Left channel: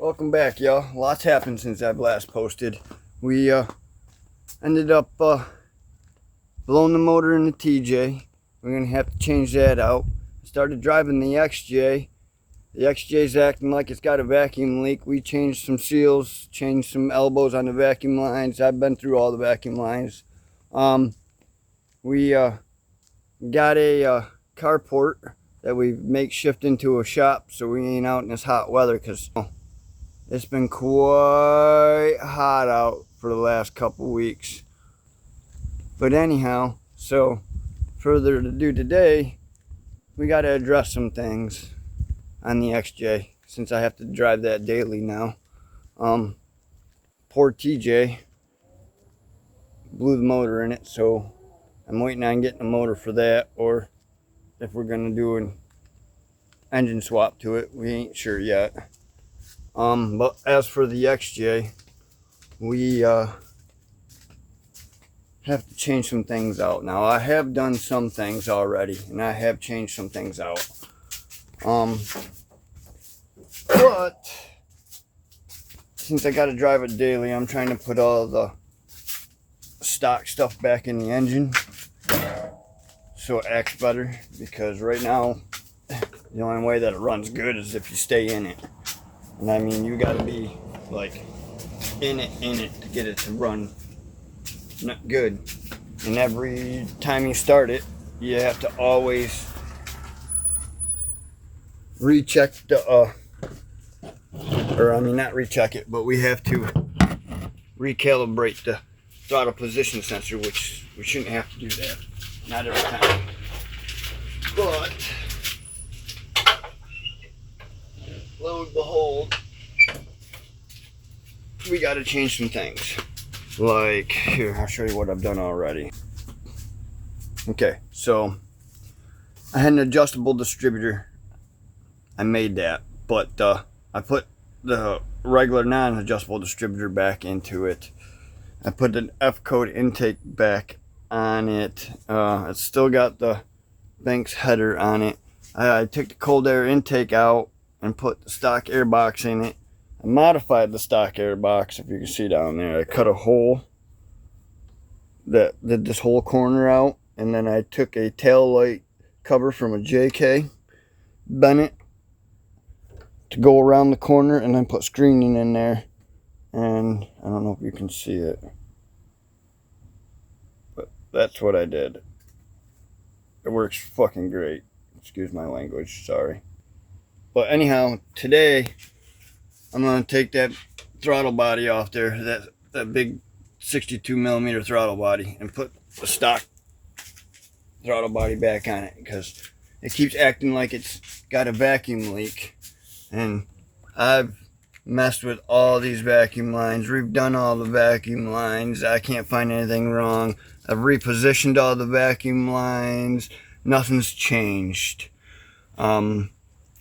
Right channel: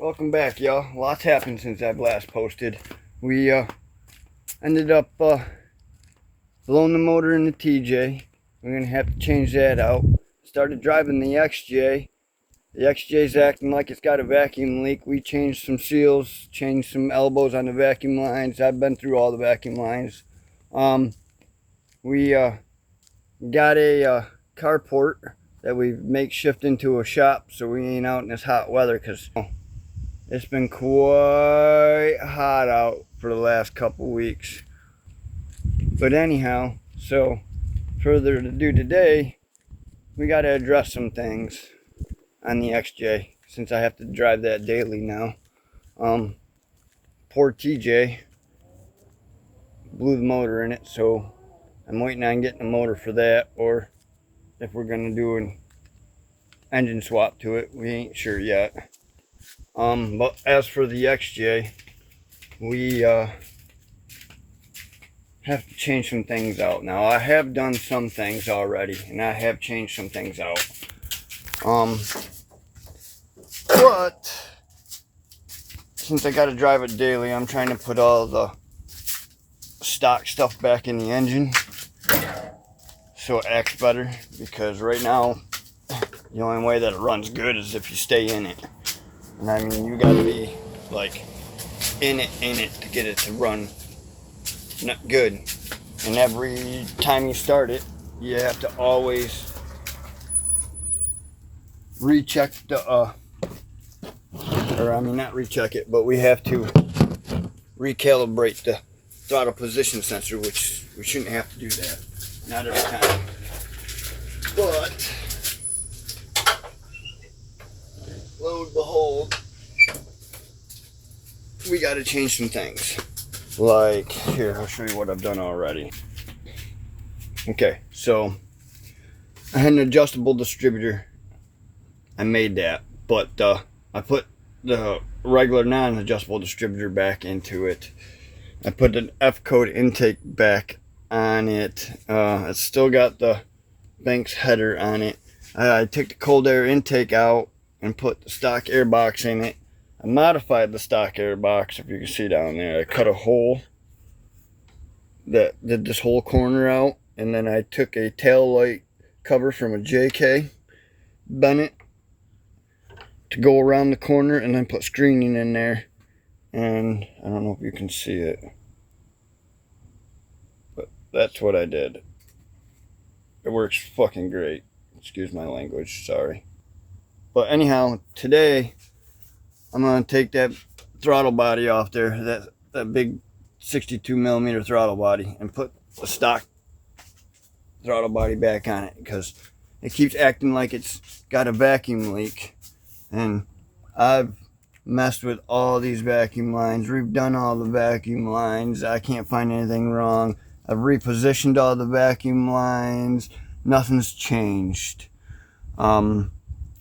Welcome back, y'all. Lots happened since I've last posted. We ended up blowing the motor in the TJ. We're gonna have to change that out. Started driving the XJ. The XJ's acting like it's got a vacuum leak. We changed some seals, changed some elbows on the vacuum lines. I've been through all the vacuum lines. We got a carport that we make shift into a shop so we ain't out in this hot weather, because it's been quite hot out for the last couple weeks. But anyhow, so further to do today, we got to address some things on the XJ since I have to drive that daily now. Poor TJ blew the motor in it, so I'm waiting on getting a motor for that, or if we're gonna do an engine swap to it, we ain't sure yet. But as for the XJ, we have to change some things out. Now, I have done some things already, and I have changed some things out. But since I got to drive it daily, I'm trying to put all the stock stuff back in the engine so it acts better, because right now the only way that it runs good is if you stay in it. And I mean, you gotta be like in it to get it to run not good. And every time you start it, you have to always recheck the or I mean, not recheck it, but we have to recalibrate the throttle position sensor, which we shouldn't have to do that, not every time. But lo and behold, we got to change some things. Like, here, I'll show you what I've done already. Okay, so I had an adjustable distributor. I made that, but I put the regular non-adjustable distributor back into it. I put an F-code intake back on it. It's still got the Banks header on it. I took the cold air intake out and put the stock air box in it. I modified the stock air box, if you can see down there. I cut a hole that did this whole corner out, and then I took a tail light cover from a JK Bennett to go around the corner, and then put screening in there. And I don't know if you can see it, but that's what I did. It works fucking great. Excuse my language, sorry. But anyhow, today I'm gonna take that throttle body off there, that big 62mm throttle body, and put the stock throttle body back on it, because it keeps acting like it's got a vacuum leak. And I've messed with all these vacuum lines, redone all the vacuum lines. I can't find anything wrong. I've repositioned all the vacuum lines. Nothing's changed.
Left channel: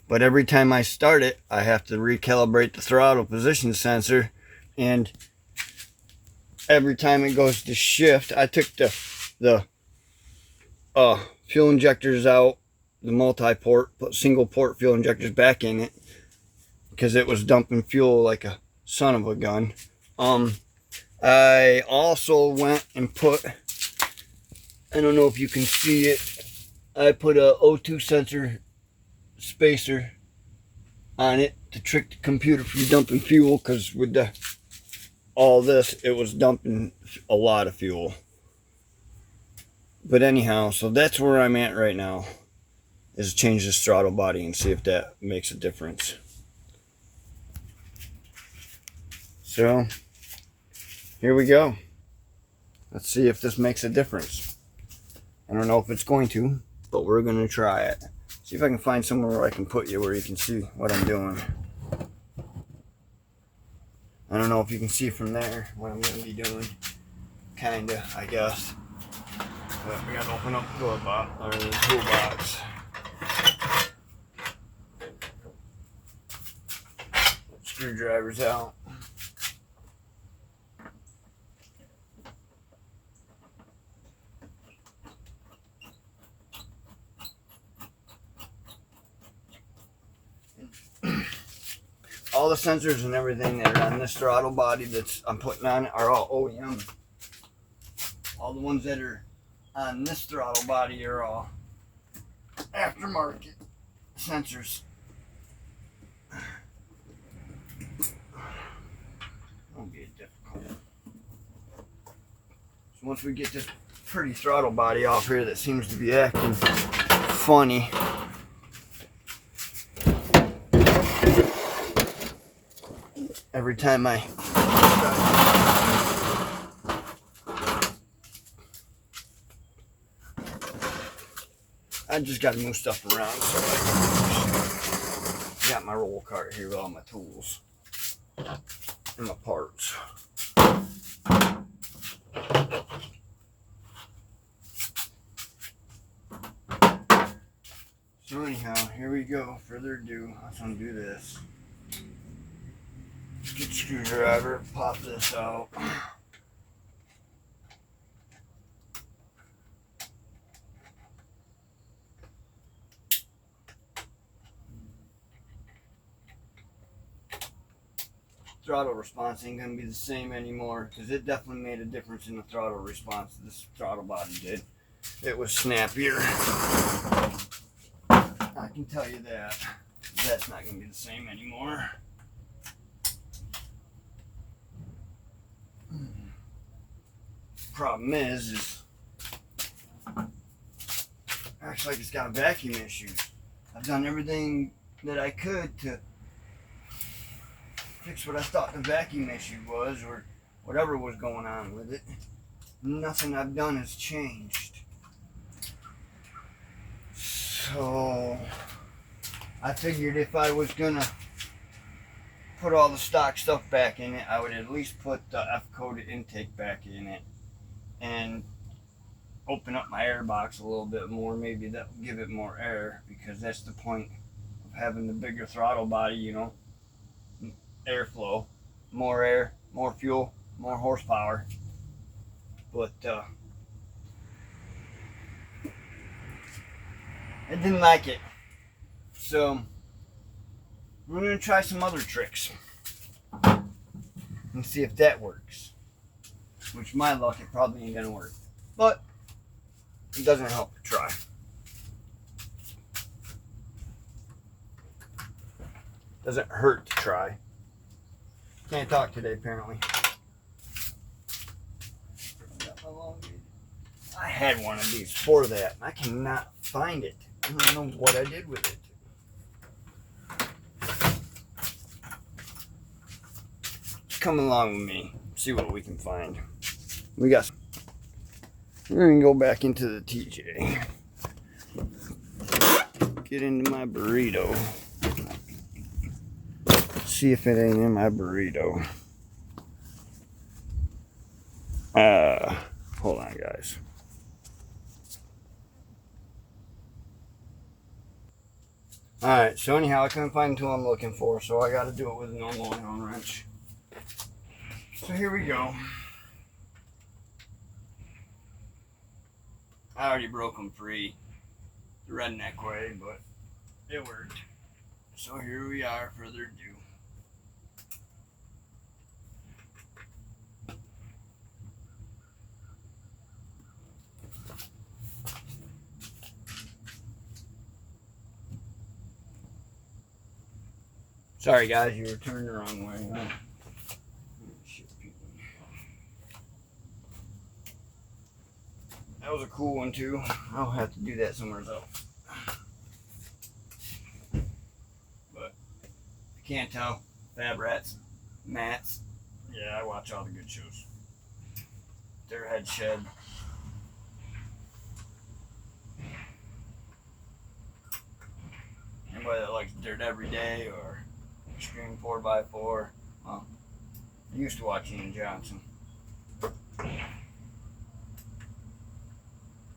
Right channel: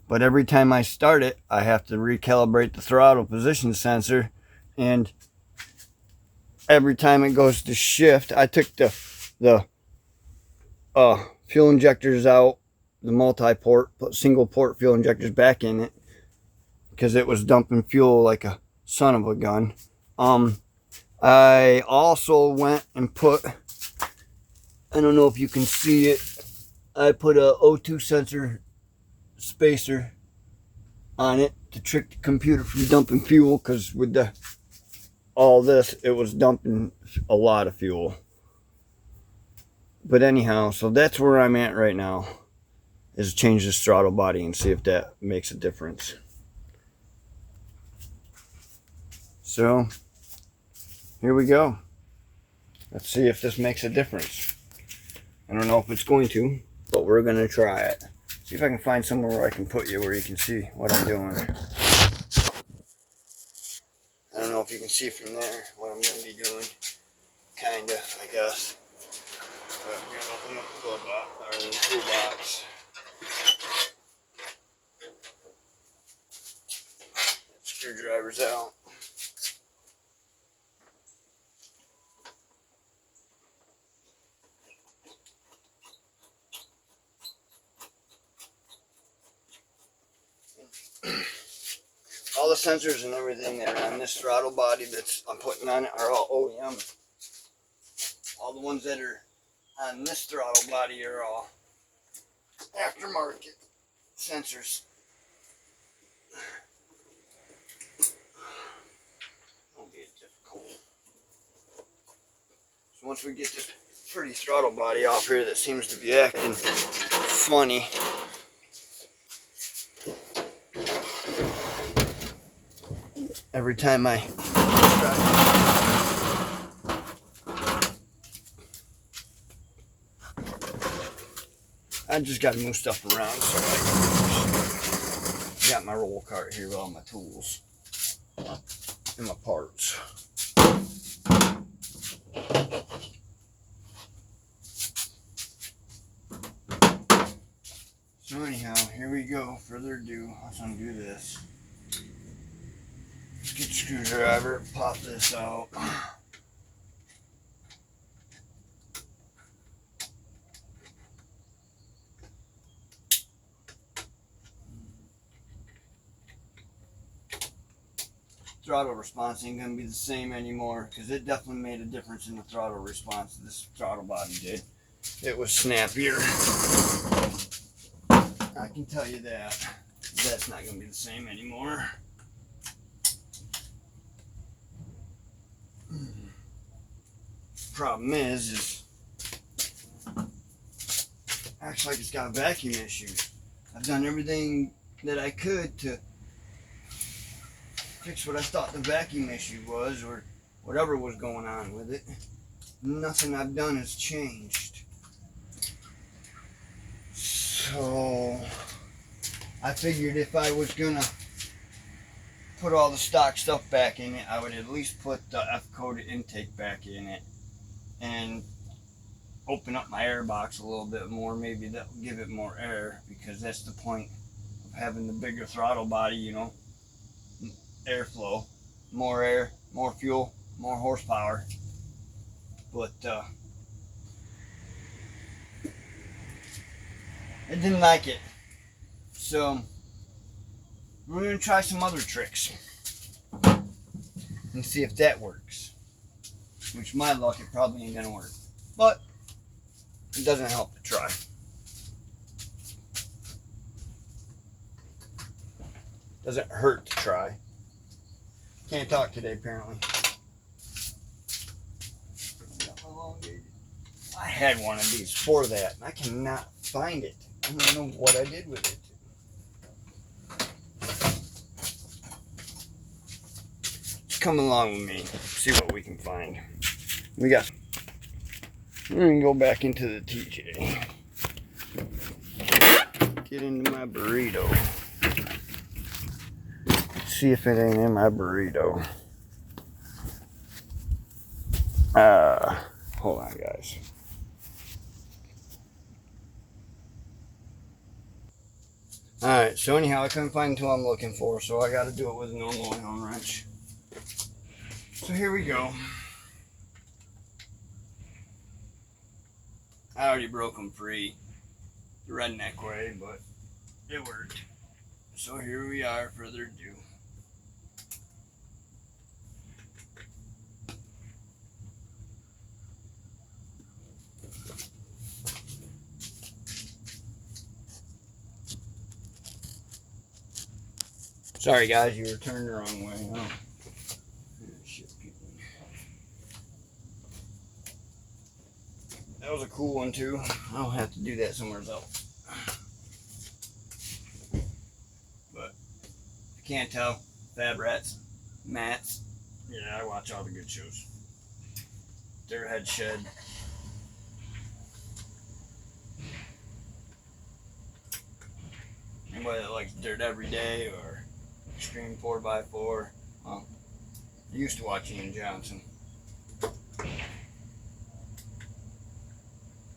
But every time I start it, I have to recalibrate the throttle position sensor. And every time it goes to shift, I took the fuel injectors out, the multi-port, put single port fuel injectors back in it, because it was dumping fuel like a son of a gun. I also went and put, I don't know if you can see it, I put a O2 sensor spacer on it to trick the computer from dumping fuel, because with all this, it was dumping a lot of fuel. But anyhow, so that's where I'm at right now, is change this throttle body and see if that makes a difference. So here we go. Let's see if this makes a difference. I don't know if it's going to, but we're gonna try it. See if I can find somewhere where I can put you where you can see what I'm doing. I don't know if you can see from there what I'm gonna be doing. Kinda, I guess. But we gotta open up the toolbox. Screwdrivers out. all the sensors and everything that are on this throttle body that I'm putting on it are all OEM. All the ones that are on this throttle body are all aftermarket sensors. Won't be difficult. So once we get this pretty throttle body off here that seems to be acting funny, every time I just got to move stuff around. So I got my roll cart here with all my tools and my parts. So anyhow, here we go. Further ado, I just want to do this. Get screwdriver, pop this out. Throttle response ain't gonna be the same anymore because it definitely made a difference in the throttle response. This throttle body did. It was snappier. I can tell you that. That's not gonna be the same anymore. Problem is acts like it's got a vacuum issue. I've done everything that I could to fix what I thought the vacuum issue was, or whatever was going on with it. Nothing I've done has changed. So I figured if I was gonna put all the stock stuff back in it, I would at least put the F-coated intake back in it and open up my air box a little bit more. Maybe that will give it more air, because that's the point of having the bigger throttle body, you know. Airflow, more air, more fuel, more horsepower. But I didn't like it, so we're gonna try some other tricks and see if that works. Which, my luck, it probably ain't gonna work, but it doesn't help to try. Doesn't hurt to try. Can't talk today, apparently. I had one of these for that, and I cannot find it. I don't know what I did with it. Just come along with me, see what we can find. We're gonna go back into the TJ. Get into my burrito. See if it ain't in my burrito. Hold on, guys. Alright, so anyhow, I couldn't find the tool I'm looking for, so I gotta do it with a normal Allen wrench. So here we go. I already broke them free the redneck way, but it worked. So here we are, further ado. Sorry guys, you were turned the wrong way. Oh. Shit, that was a cool one too. I'll have to do that somewhere else. But if you can't tell, Fab Rats, Mats. Yeah, I watch all the good shows. Their Head Shed. Anybody that likes Dirt Every Day or Extreme 4x4. Well, I used to watch Ian Johnson.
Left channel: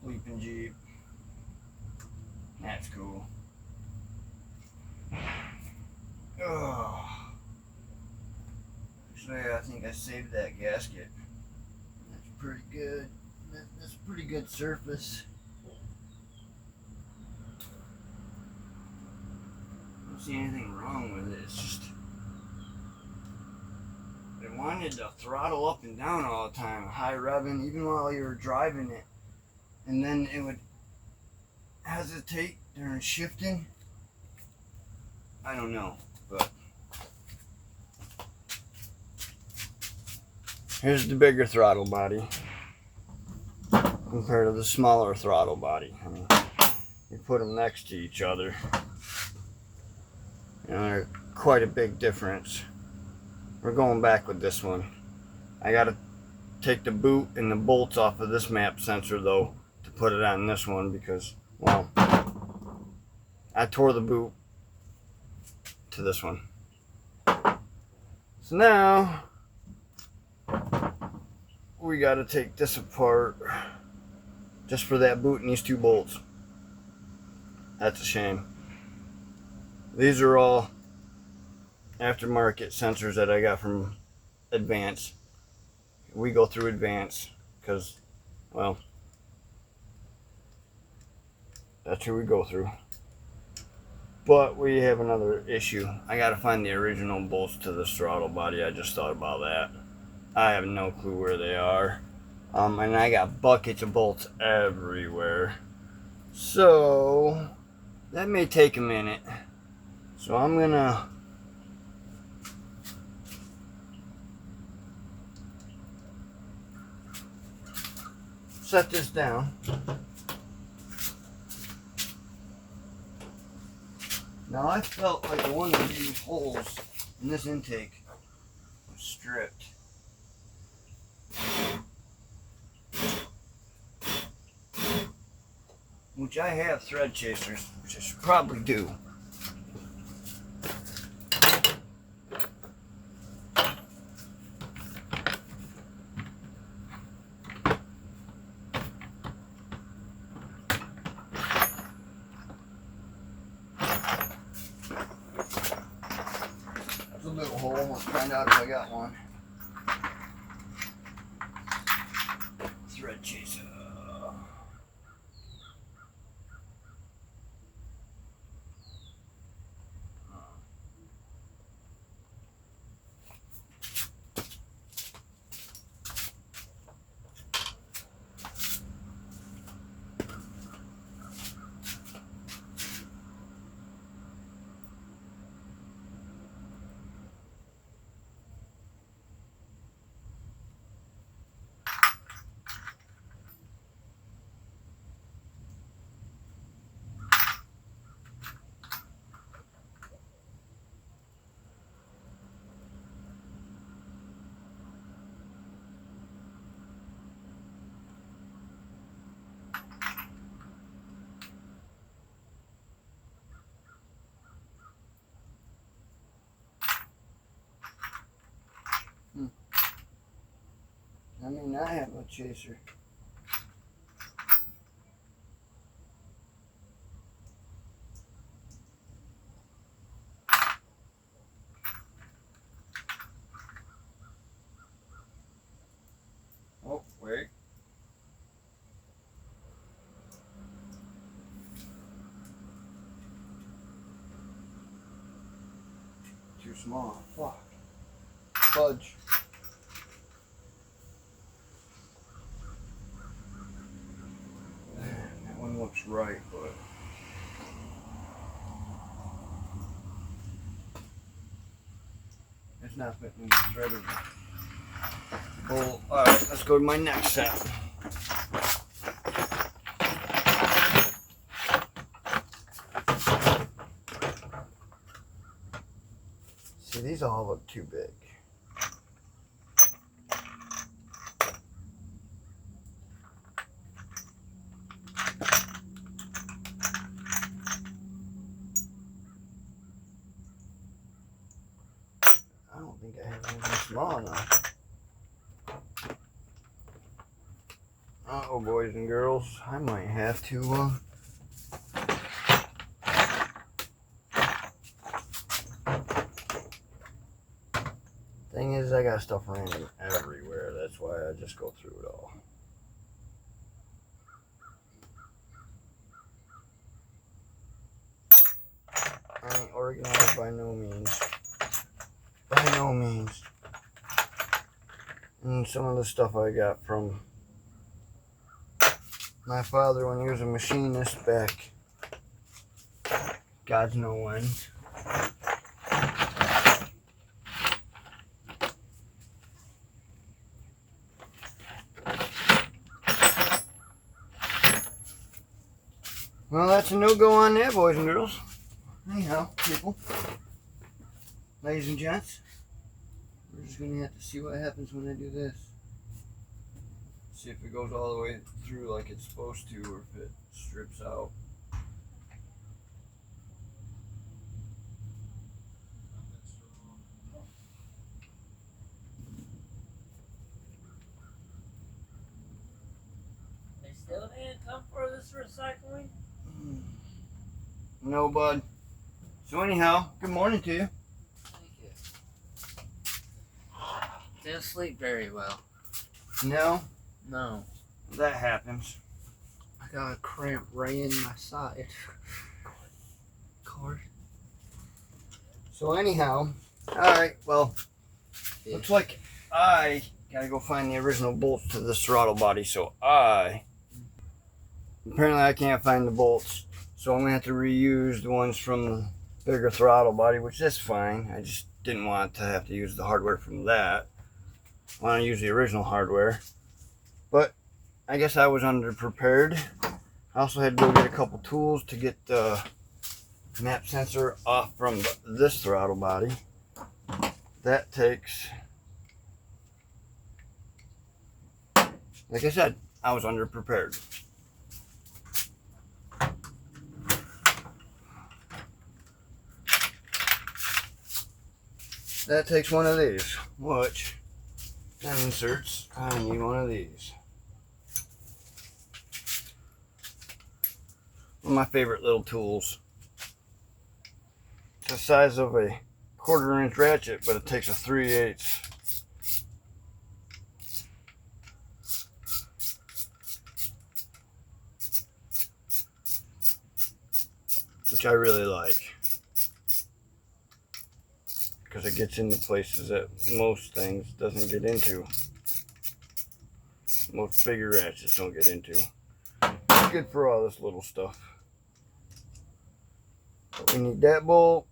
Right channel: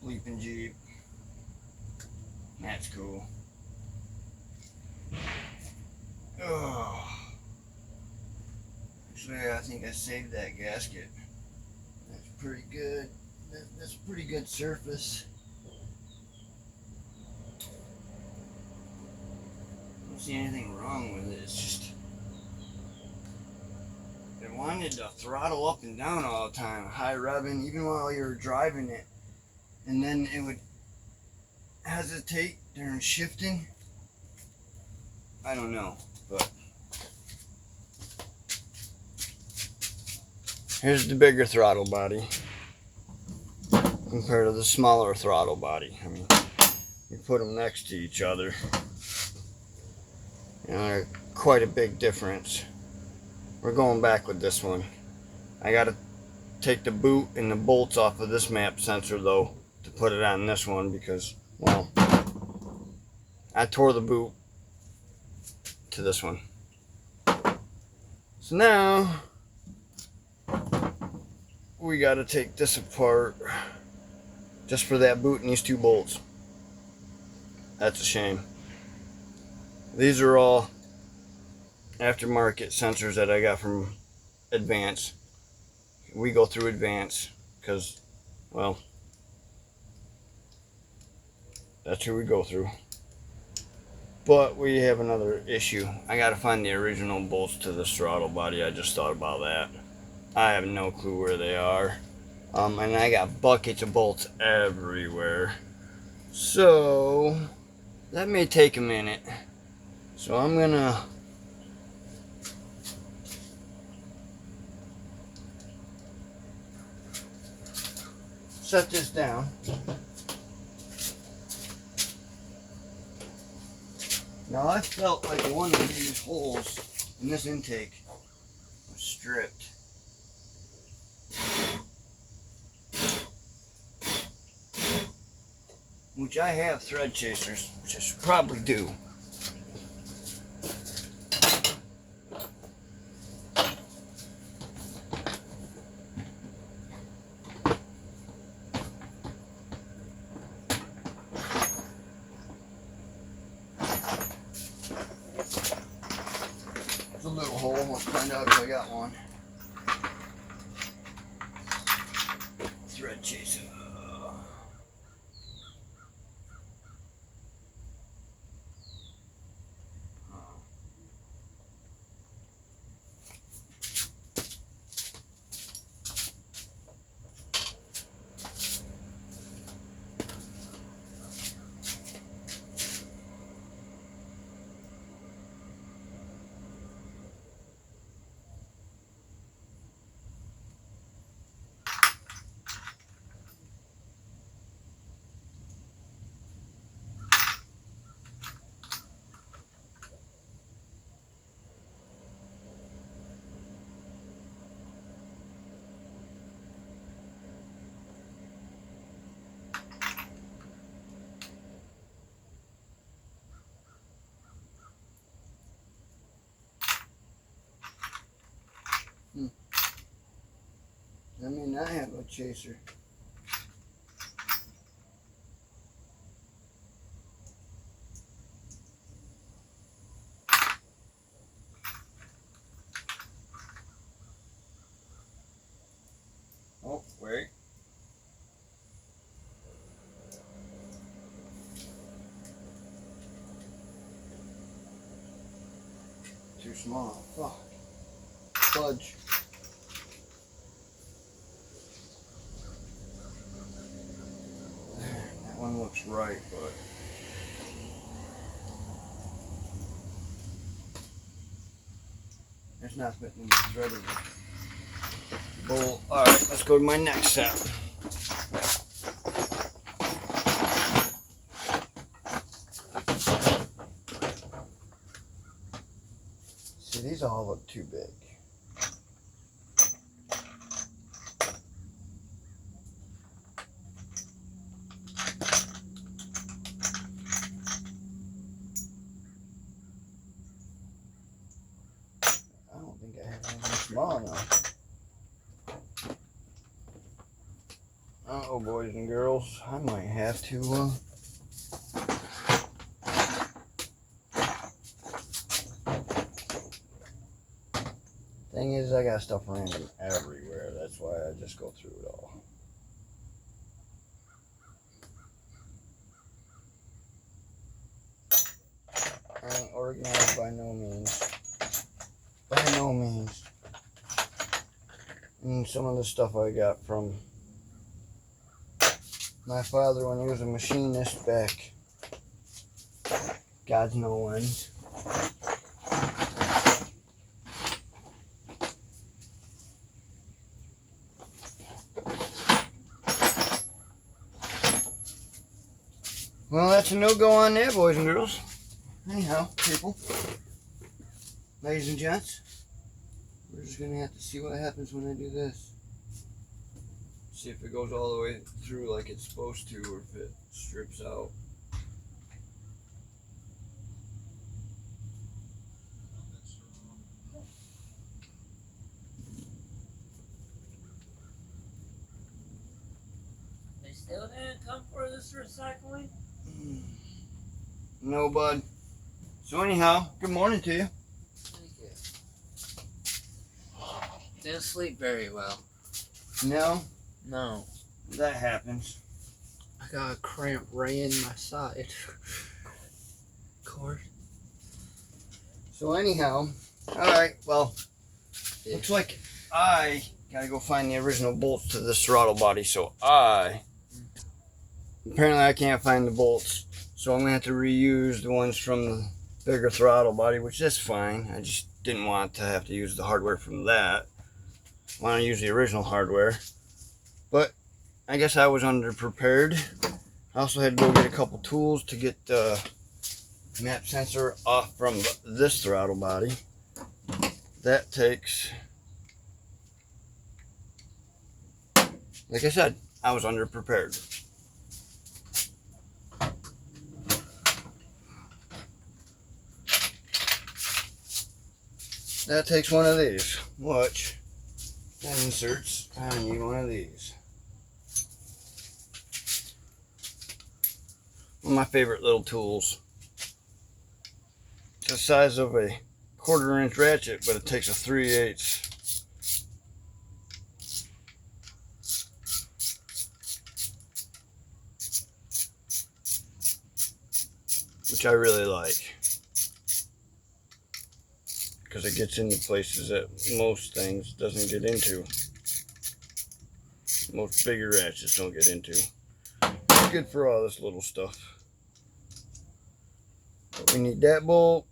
Leaping Jeep. That's cool. Oh. Actually, I think I saved that gasket. That's pretty good. That's a pretty good surface. I don't see anything wrong with it. It's just wanted to throttle up and down all the time, high revving, even while you were driving it. And then it would hesitate during shifting. I don't know, but here's the bigger throttle body compared to the smaller throttle body. I mean, you put them next to each other, you know, they're quite a big difference. We're going back with this one. I gotta take the boot and the bolts off of this map sensor though to put it on this one because, well, I tore the boot to this one. So now we gotta take this apart just for that boot and these two bolts. That's a shame. These are all aftermarket sensors that I got from Advance. We go through Advance because, well, that's who we go through. But we have another issue. I gotta find the original bolts to this throttle body. I just thought about that. I have no clue where they are. And I got buckets of bolts everywhere. So that may take a minute. So I'm gonna set this down. Now I felt like one of these holes in this intake was stripped. Which I have thread chasers, which I should probably do. There's a little hole, we'll find out if I got one. Thread chaser. I may not have a chaser. Oh, wait. Too small. Fuck. Fudge. That one looks right, but it's not fitting in the thread of the bolt. Alright, let's go to my next set. See, these all look too big. I don't think I have anything small enough. Uh-oh, boys and girls, I might have to, Thing is, I got stuff random everywhere. That's why I just go through it all. I ain't organized by no means. By no means. And some of the stuff I got from my father when he was a machinist back God's know when. Well, that's a no-go on there, boys and girls. Anyhow, people, ladies and gents, we're just going to have to see what happens when I do this. See if it goes all the way through like it's supposed to, or if it strips out. They still didn't come for this recycling? No, bud. So anyhow, good morning to you. Thank you. Didn't sleep very well. No? No. That happens. I got a cramp right in my side. Cord. So anyhow, alright, well, Yeah. looks like I gotta go find the original bolts to this throttle body, so apparently I can't find the bolts, so I'm gonna have to reuse the ones from the bigger throttle body, which is fine. I just didn't want to have to use the hardware from that. I want to use the original hardware, but I guess I was underprepared. I also had to go get a couple tools to get the map sensor off from this throttle body. That takes, like I said, I was underprepared. That takes one of these, which inserts, I need one of these. One of my favorite little tools. It's the size of a 1/4 inch ratchet, but it takes a 3/8. Which I really like, because it gets into places that most things doesn't get into. Most bigger ratchets don't get into. It's good for all this little stuff. But we need that bolt.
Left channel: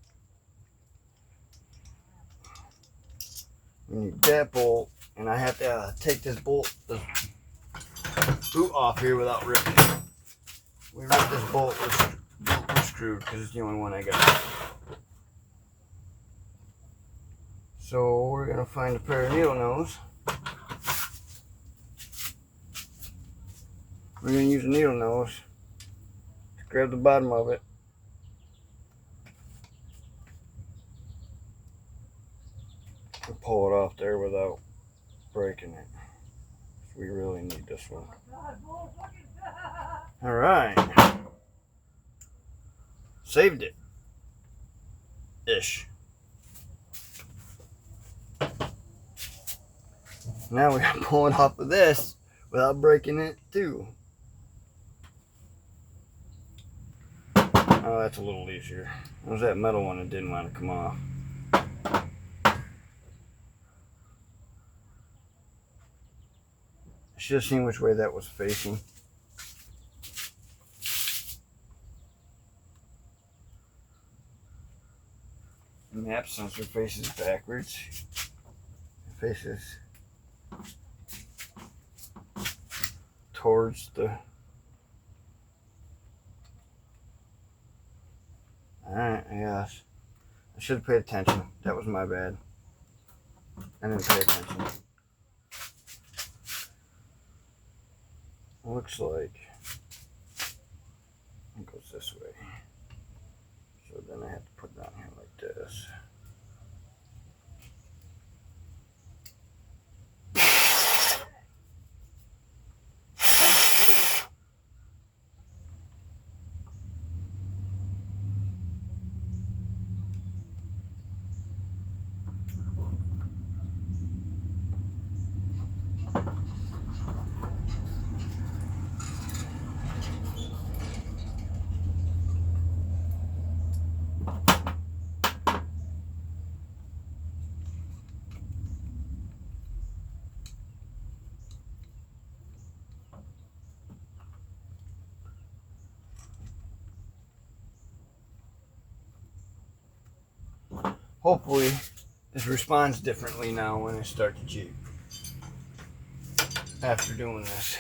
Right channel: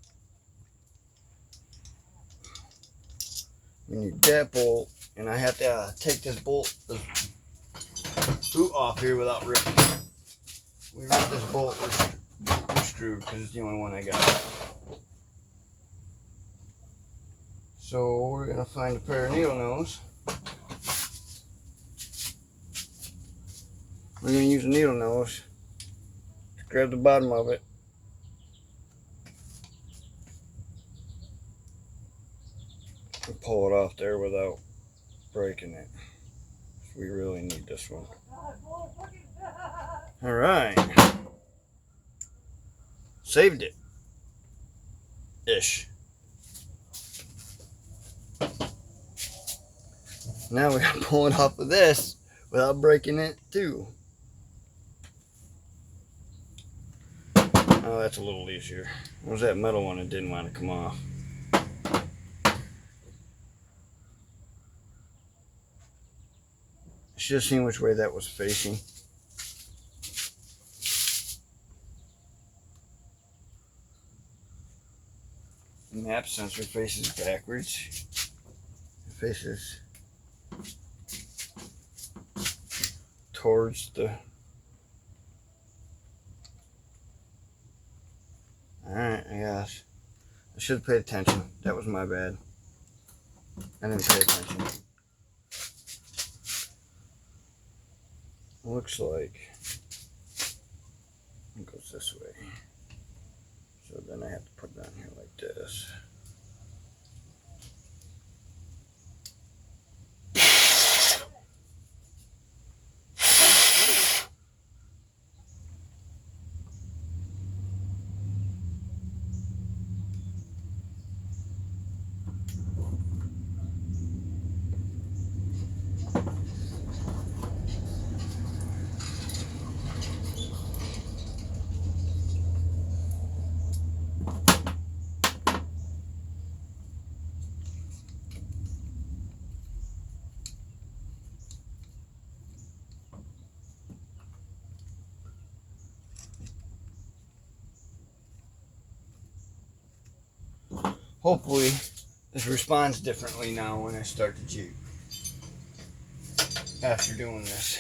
We need that bolt, and I have to take this bolt, the boot off here without ripping it. We ripped this bolt, we're screwed because it's the only one I got. So we're gonna find a pair of needle nose. We're gonna use a needle nose. Grab the bottom of it. And pull it off there without breaking it. We really need this one. All right. Saved it. Ish. Now we gotta pull it off of this without breaking it too. Oh, that's a little easier. It was that metal one that didn't want to come off. I should have seen which way that was facing. The map sensor faces backwards. It faces towards the... Alright, I guess. I should have paid attention. That was my bad. I didn't pay attention. Looks like it goes this way. So then I have to put it down here like this. hopefully this responds differently now when I start the Jeep after doing this.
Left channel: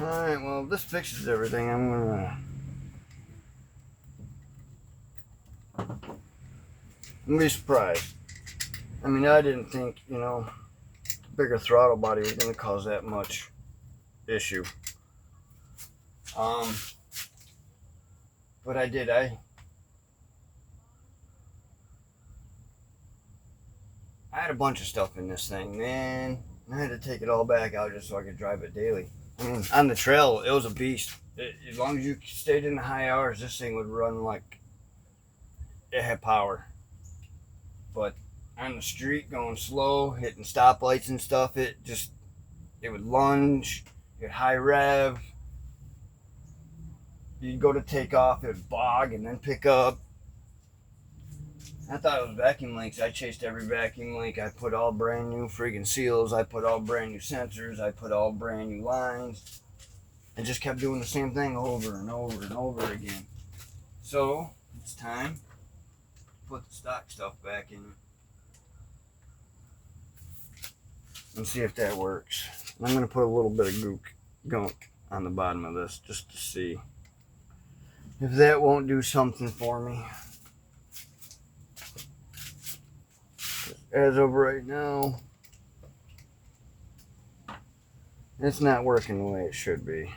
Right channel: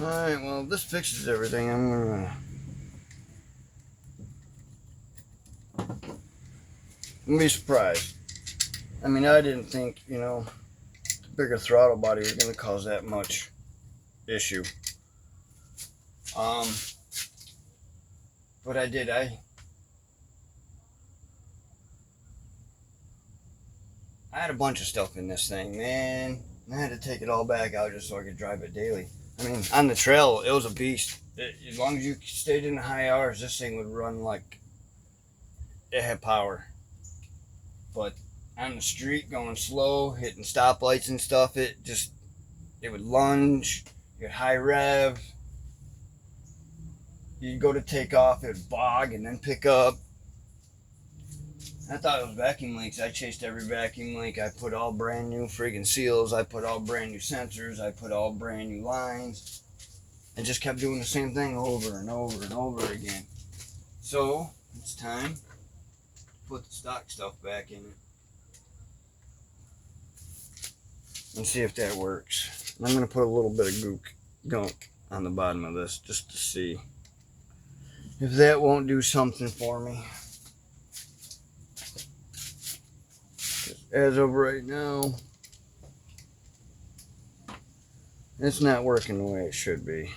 Alright, well, if this fixes everything, I'm gonna be surprised. I mean, I didn't think, you know, bigger throttle body was gonna cause that much issue. But I did. I had a bunch of stuff in this thing, man. I had to take it all back out just so I could drive it daily. I mean, on the trail, it was a beast. As long as you stayed in the high hours, this thing would run like it had power. But on the street, going slow, hitting stoplights and stuff, it would lunge, get high rev. You'd go to take off, it would bog and then pick up. I thought it was vacuum links. I chased every vacuum link. I put all brand new friggin' seals. I put all brand new sensors. I put all brand new lines. And just kept doing the same thing over and over and over again. So, it's time to put the stock stuff back in and see if that works. I'm going to put a little bit of gunk on the bottom of this just to see if that won't do something for me. As of right now, it's not working the way it should be.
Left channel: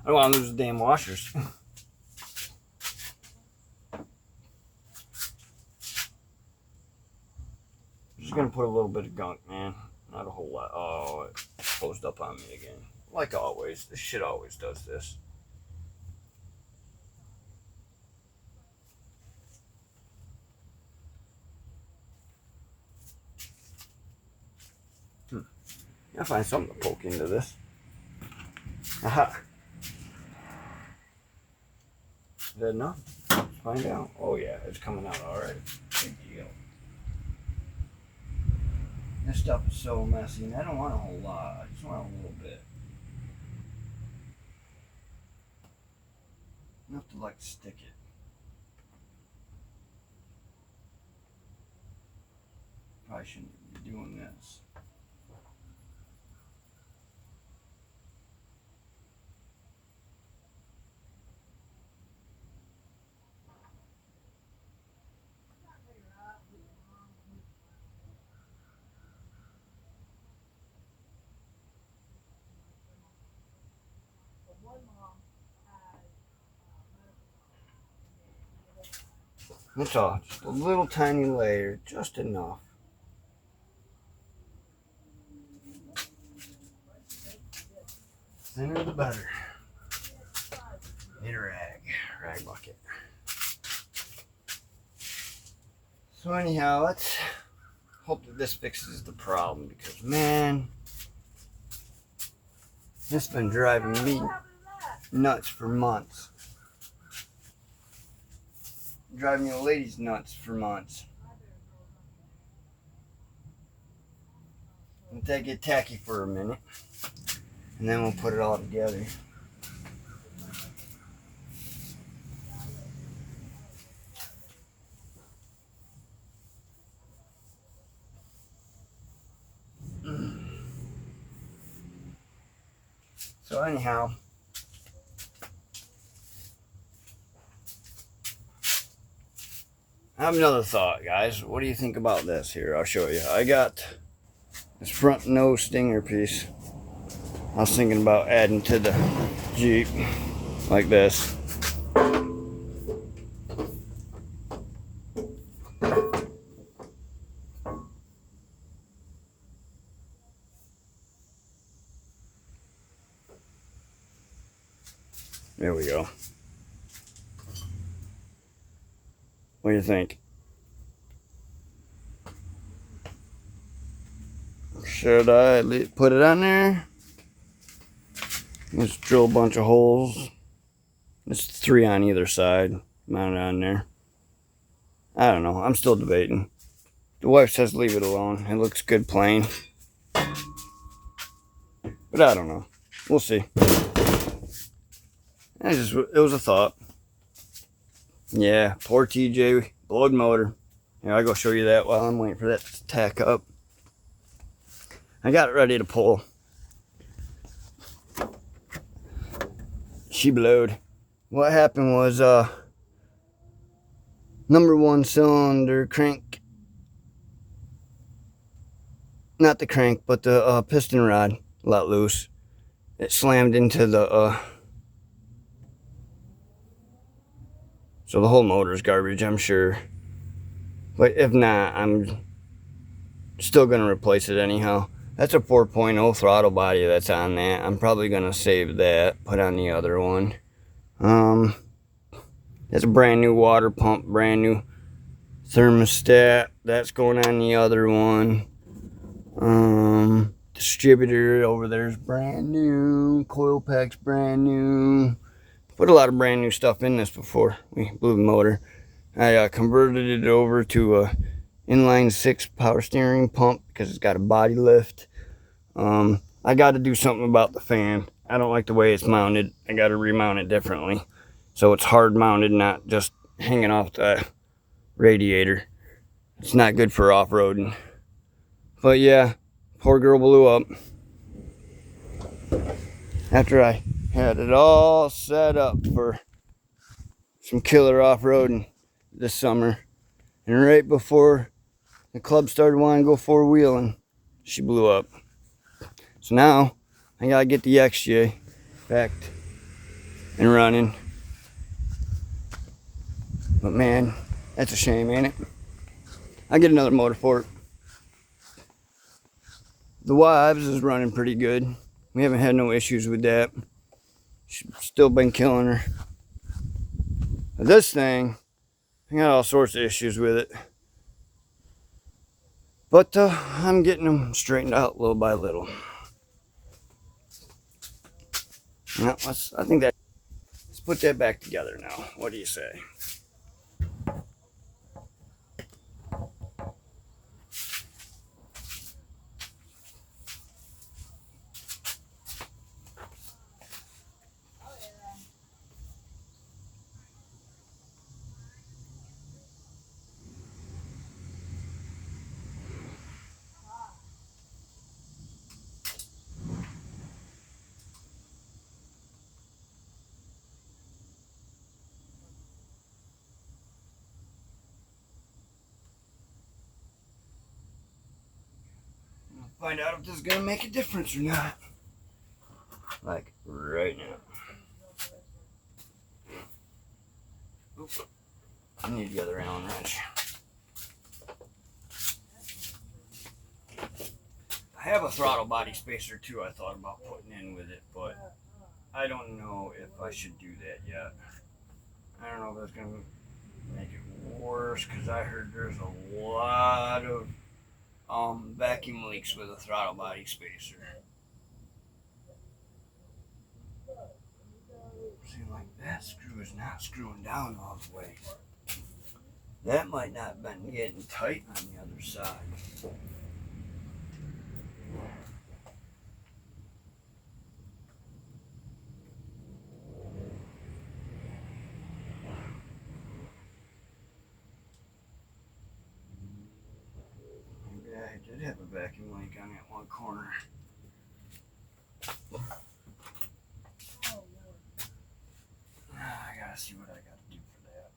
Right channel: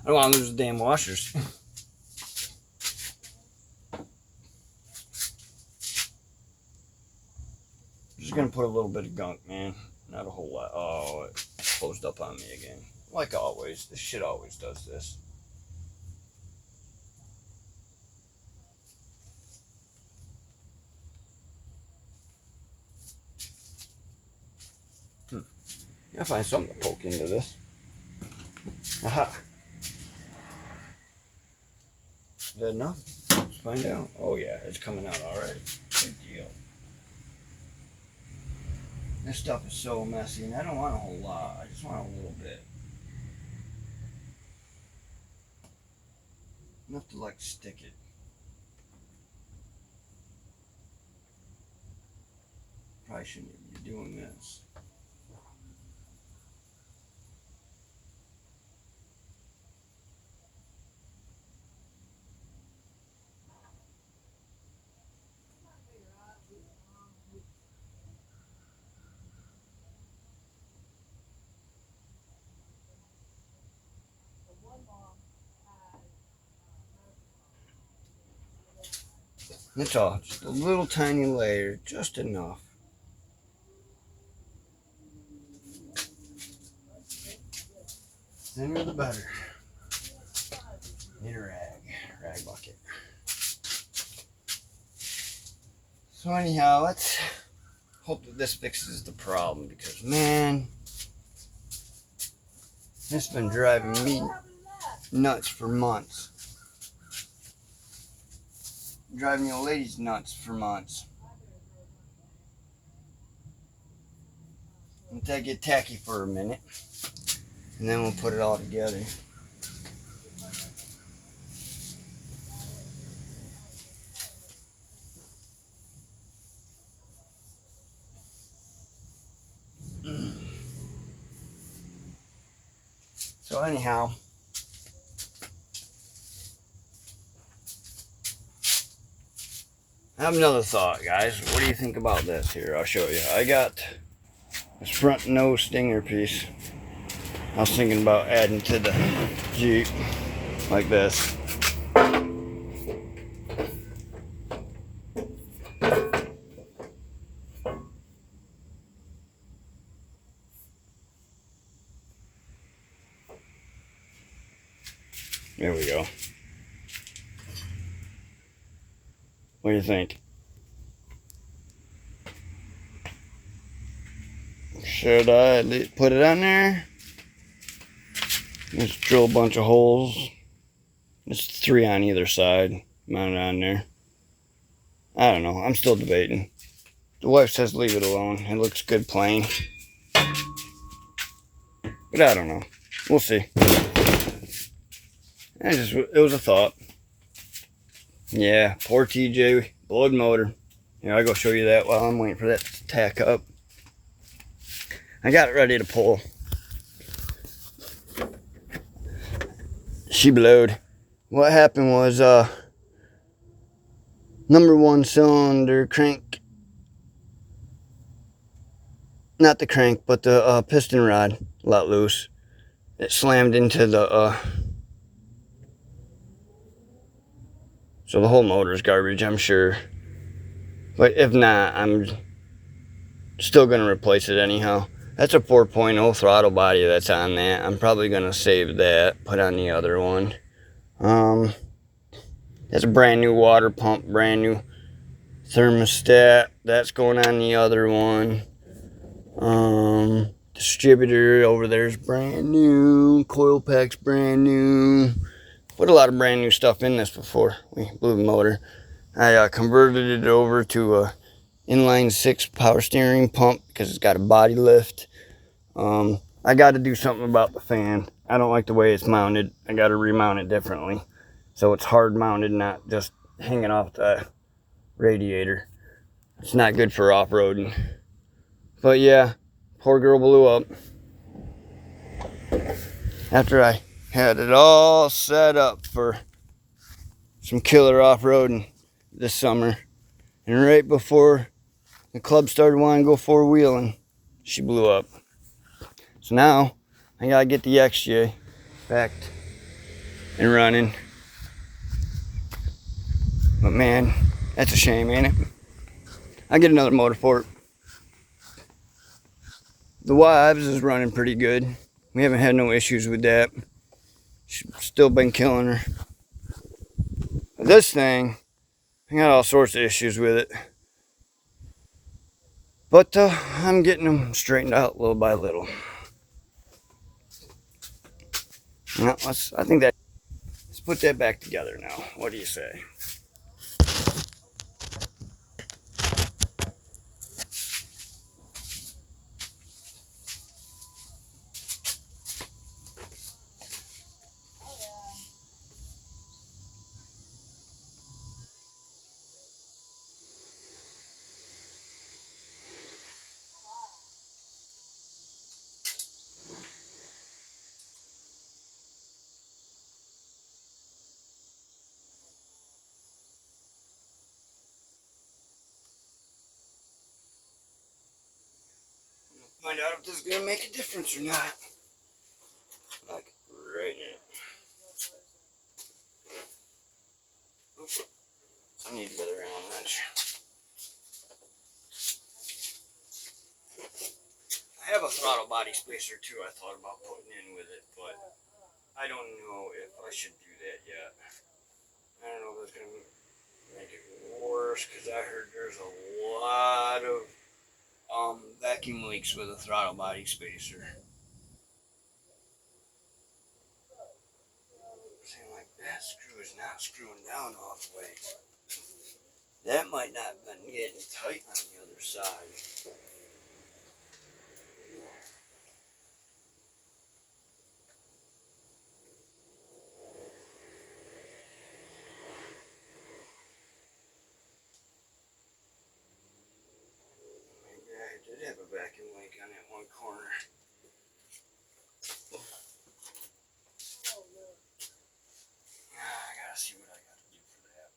I don't want to lose the damn washers. Just gonna put a little bit of gunk, man. Not a whole lot. Oh, it closed up on me again. Like always. This shit always does this. I'll find something to poke into this. Aha. Is that enough? Let's find out. Oh yeah, it's coming out alright. Big deal. This stuff is so messy, and I don't want a whole lot. I just want a little bit. Enough to like stick it. Probably shouldn't be doing this. That's all. Just a little tiny layer, just enough. Thinner the better. Need a rag bucket. So anyhow, let's hope that this fixes the problem, because man, it's been driving me nuts for months. Driving the ladies nuts for months. Until I get tacky for a minute, and then we'll put it all together. So anyhow, I have another thought, guys. What do you think about this here? I'll show you. I got this front nose stinger piece. I was thinking about adding to the Jeep like this. There we go. What do you think? Should I put it on there? Let's drill a bunch of holes. There's 3 on either side. Mount it on there. I don't know. I'm still debating. The wife says leave it alone. It looks good plain. But I don't know. We'll see. It was a thought. Yeah, poor TJ. Blowed motor. Here, I'll go show you that while I'm waiting for that to tack up. I got it ready to pull. She blowed. What happened was, number 1 cylinder crank, not the crank, but the piston rod let loose. It slammed into the, so the whole motor's garbage, I'm sure. But if not, I'm still gonna replace it anyhow. That's a 4.0 throttle body that's on that. I'm probably gonna save that, put on the other one. That's a brand new water pump, brand new thermostat. That's going on the other one. Distributor over there is brand new. Coil pack's brand new. Put a lot of brand new stuff in this before we blew the motor. I converted it over to a inline 6 power steering pump because it's got a body lift. I got to do something about the fan. I don't like the way it's mounted. I got to remount it differently, so it's hard mounted, not just hanging off the radiator. It's not good for off-roading. But yeah, poor girl blew up. After I had it all set up for some killer off-roading this summer, and right before the club started wanting to go 4-wheeling, she blew up. So now I gotta get the XJ back and running. But man, that's a shame, ain't it? I'll get another motor for it. The wives is running pretty good. We haven't had no issues with that. She's still been killing her. But this thing, I got all sorts of issues with it. But I'm getting them straightened out little by little. Well, let's put that back together now. What do you say? Find out if this is gonna make a difference or not. Like right now. Oops. I need the other Allen wrench. I have a throttle body spacer too I thought about putting in with it, but I don't know if I should do that yet. I don't know if that's gonna make it worse, because I heard there's a lot of vacuum leaks with a throttle body spacer. Seems like that screw is not screwing down all the way. That might not have been getting tight on the other side. Maybe I did have a vacuum leak on that one corner. I gotta see what I gotta do for that.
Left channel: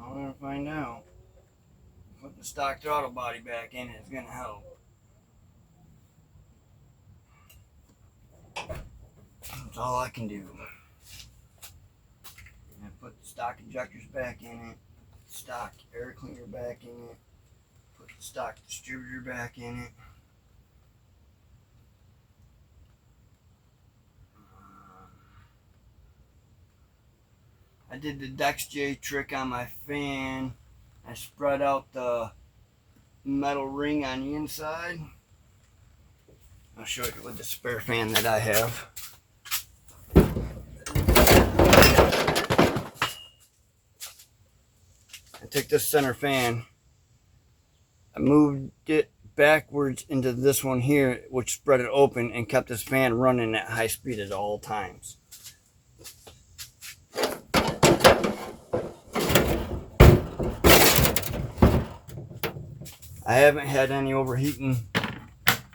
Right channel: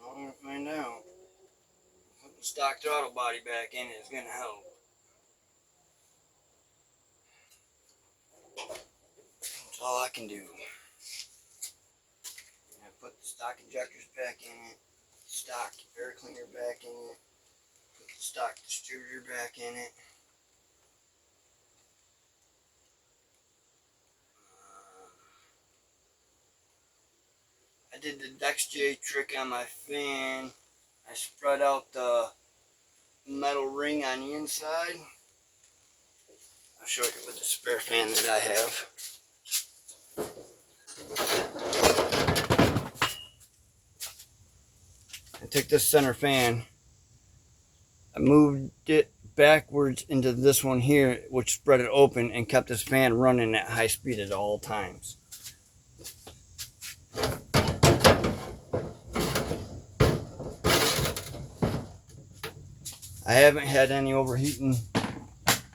I'm gonna find out. Putting the stock throttle body back in is gonna help. That's all I can do. And put the stock stock injectors back in it, stock air cleaner back in it, put the stock distributor back in it. I did the Dex J trick on my fan. I spread out the metal ring on the inside. I'll show you with the spare fan that I have. I took this center fan, I moved it backwards into this one here, which spread it open and kept this fan running at high speed at all times. I haven't had any overheating,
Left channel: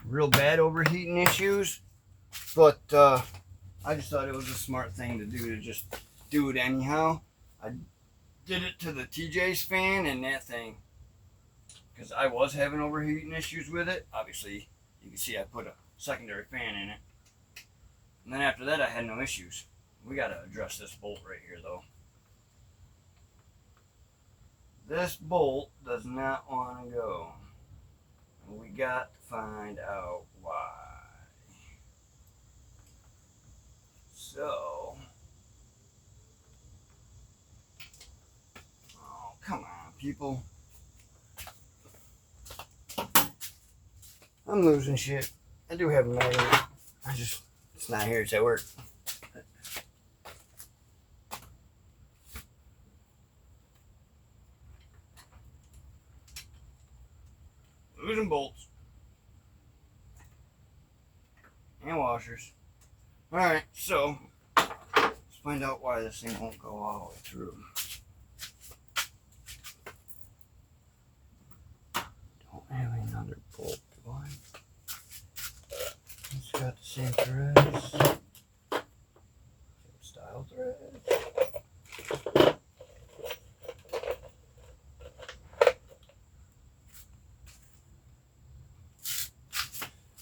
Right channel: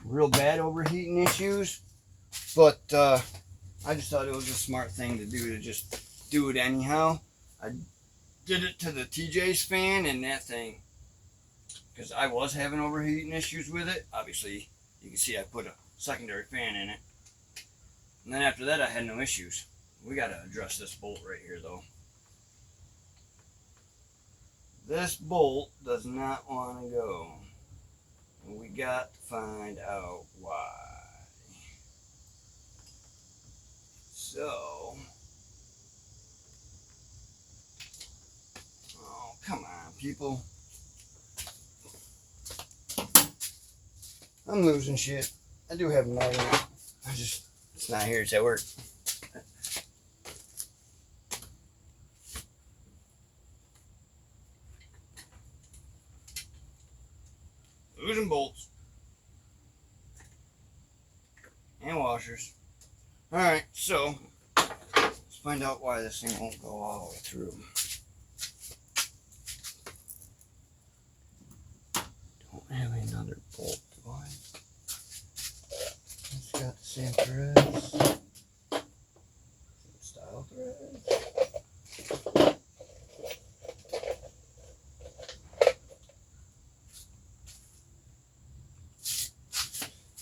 real bad overheating issues, but I just thought it was a smart thing to do, to just do it anyhow. I did it to the TJ's fan and that thing, because I was having overheating issues with it. Obviously, you can see I put a secondary fan in it. And then after that, I had no issues. We got to address this bolt right here, though. This bolt does not want to go. And we got to find out why. So, oh, come on, people. I'm losing shit. I do have a magnet. It's not here, it's at work. Losing bolts. And washers. Alright, so let's find out why this thing won't go all the way through. Don't have another bolt, do I? It's got the same threads. Same style threads.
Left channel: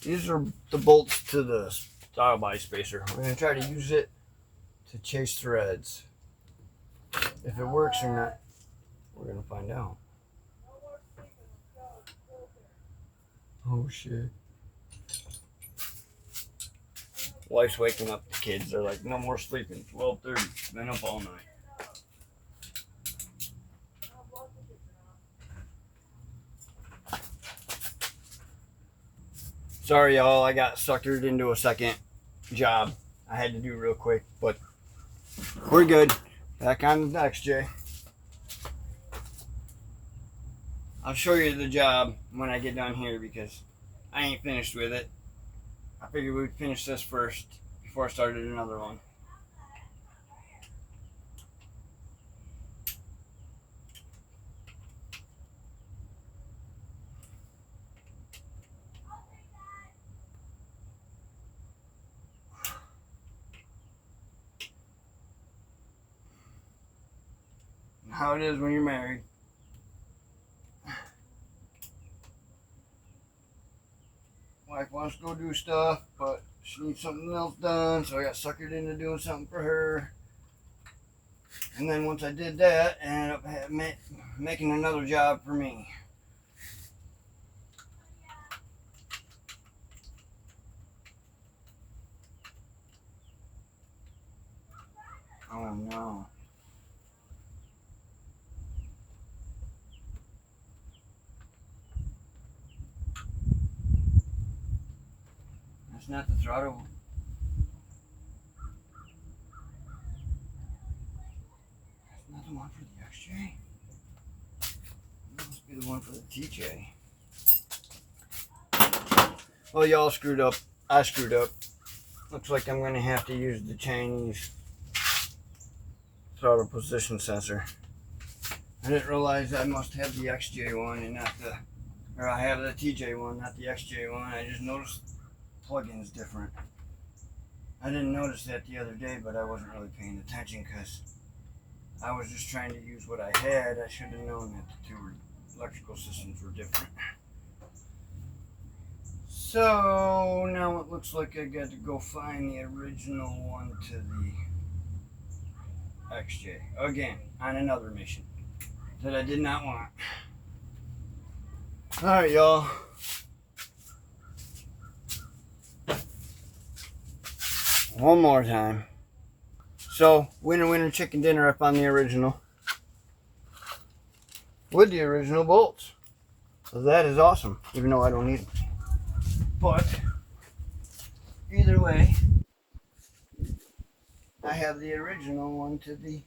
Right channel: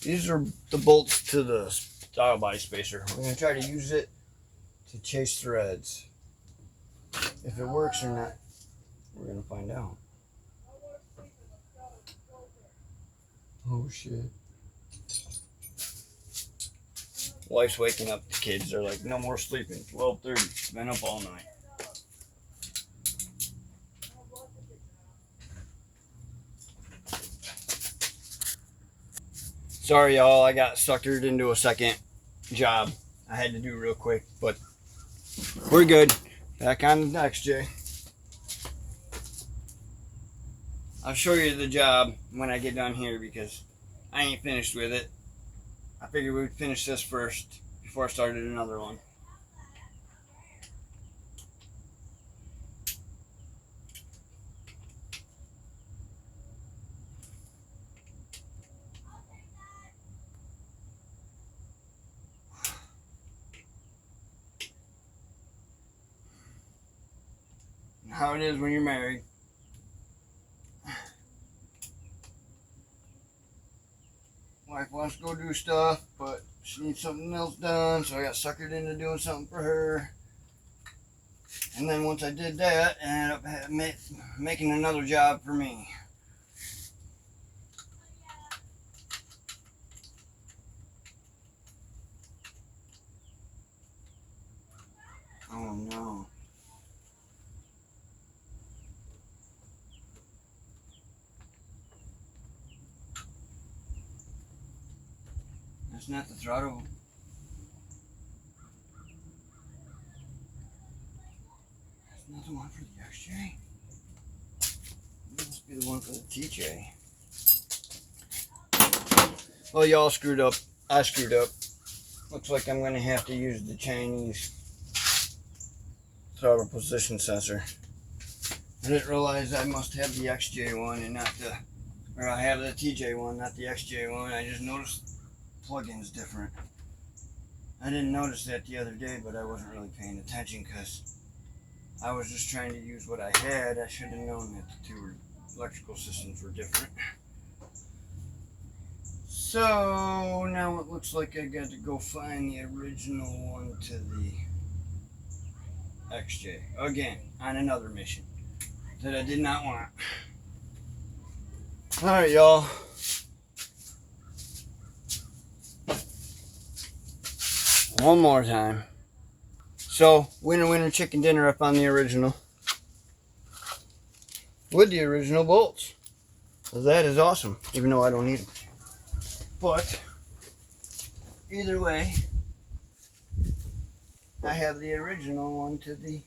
These are the bolts to the style body spacer. We're going to try to use it to chase threads. If it works or not, we're going to find out. Oh shit. Wife's waking up the kids. They're like, no more sleeping. 12:30. Been up all night. Sorry, y'all. I got suckered into a second job I had to do real quick, but we're good. Back on the next, Jay. I'll show you the job when I get done here because I ain't finished with it. I figured we'd finish this first before I started another one. How it is when you're married. Wife wants to go do stuff, but she needs something else done, so I got suckered into doing something for her. And then once I did that, I ended up making another job for me. Oh no. That's not the throttle. That's not the one for the XJ. That must be the one for the TJ. Well, y'all screwed up. I screwed up. Looks like I'm going to have to use the Chinese throttle position sensor. I didn't realize I must have the XJ one and not the, or I have the TJ one, not the XJ one. I just noticed the plug-in's different. I didn't notice that the other day, but I wasn't really paying attention because I was just trying to use what I had. I should have known that the two electrical systems were different. So now it looks like I got to go find the original one to the XJ again on another mission that I did not want. Alright, y'all. One more time. So, winner chicken dinner up on the original. With the original bolts. So that is awesome, even though I don't need them. But, either way, I have the original one to the,